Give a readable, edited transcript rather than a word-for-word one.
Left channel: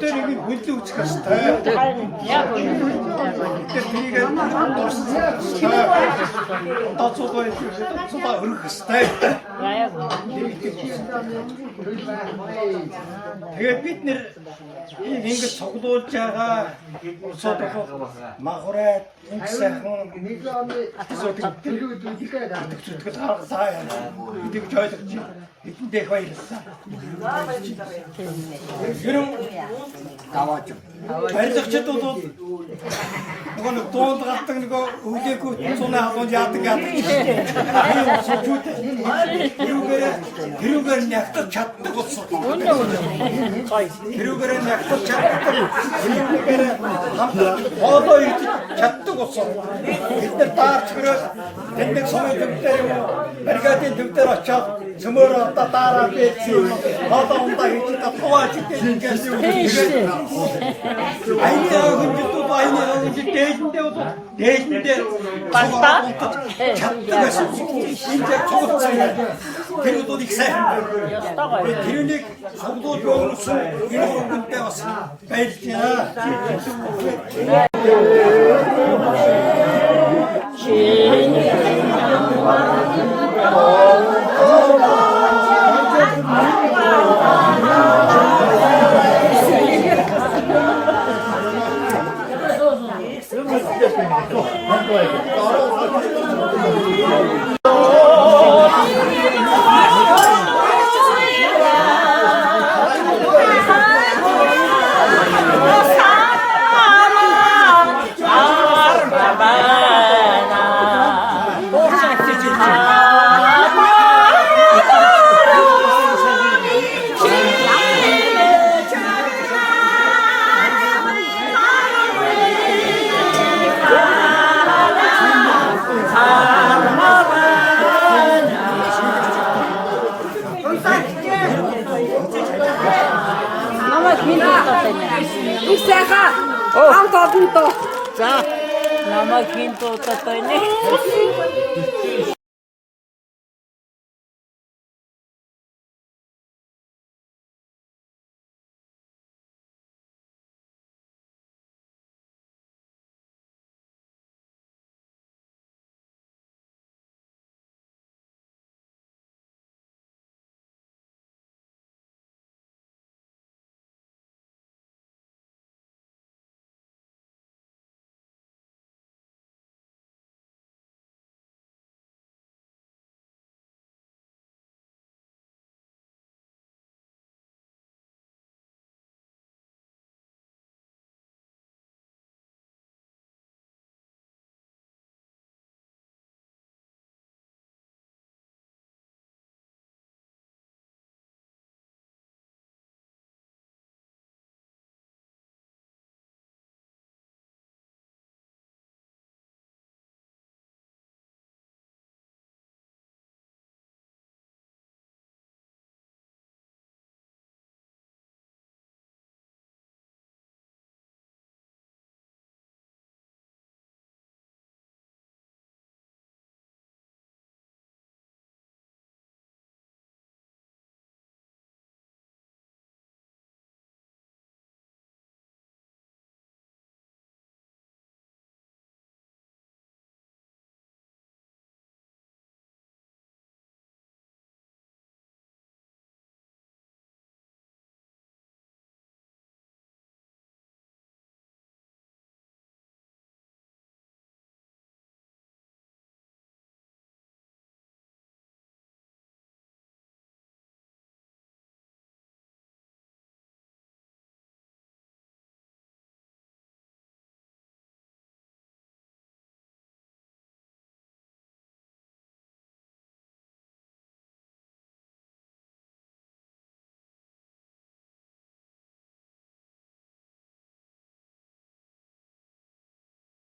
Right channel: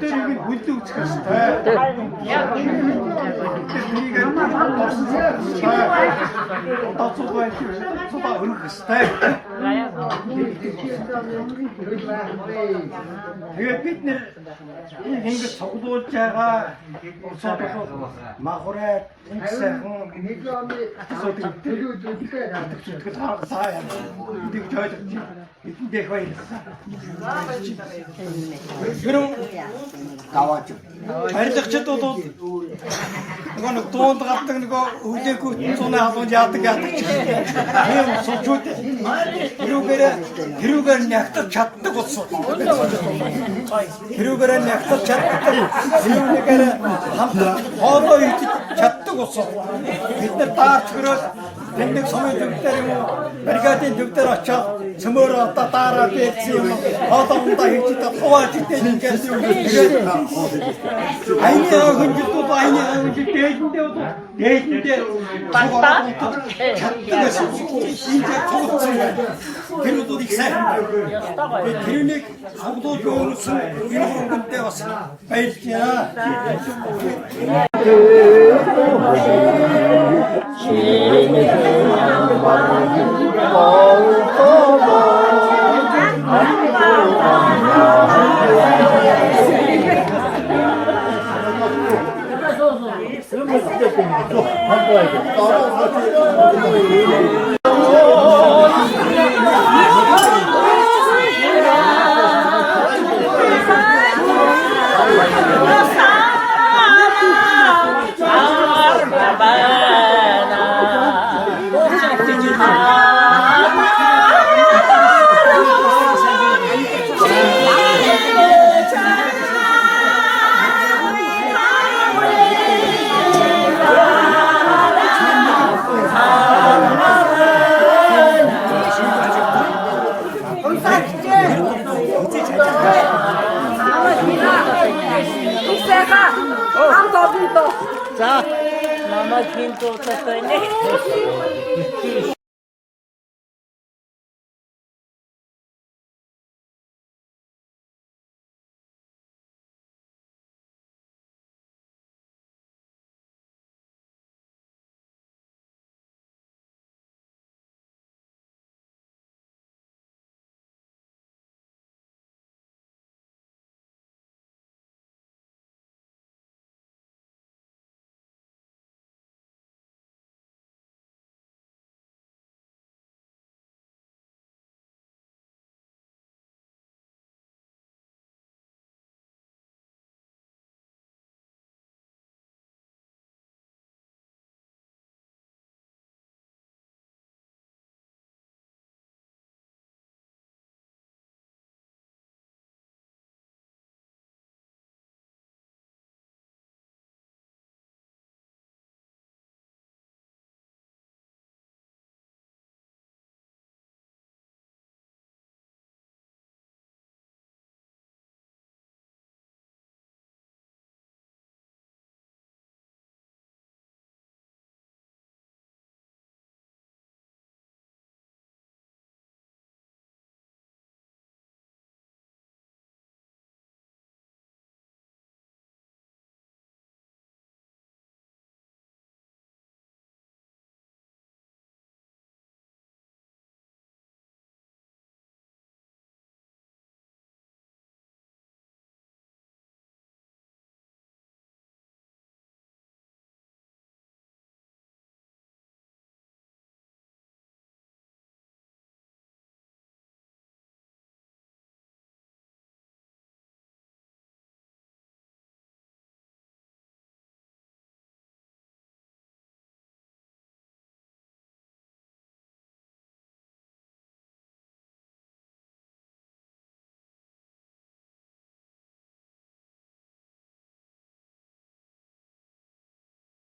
Тэрийг бүлдээ үсгэх хэрэгтэй. Тэрийг дурсан хэрэгтэй. Тооцоо байх тооцоо өргөх хэрэгтэй. Тэгээд бид нэр ингэж цуглуулж байгаа улсууд бол махурайд ингэ сайхан зүтгэл харгалаа юм. Эдийг ойлгож эдэндээ баярлалаа. Гэрэн даваач. Баярлагчид бол нэг дуунд гардаг нэг өвлөөгөө цуна халуун яадаг чинь. Ийм суулчууд тэрүүгээр нягтаж чаддаг болсон. Тэрүүгээр нягтаж чаддаг. Тэрүүгээр хамт хоолой идэж чаддаг болсон. Бид нар таарч хөрөөс эндээ сумын төвдөр юм бригадын төвдөр очоод цөмөр одоо дараа бийсэн хоолондоо хийж татгууж идэж аймдаа хүндэд байны хэмжээ дээдэндээ цугараа унтаж чаддаг байсан. Энд цугцсан байна. Тэр удаад их сайн байна. Тэрнийг цуглуулж өгсөн энэ хөрөнгөнтэй бас баярлж байна. 자. 너무 긴 또 떴더니.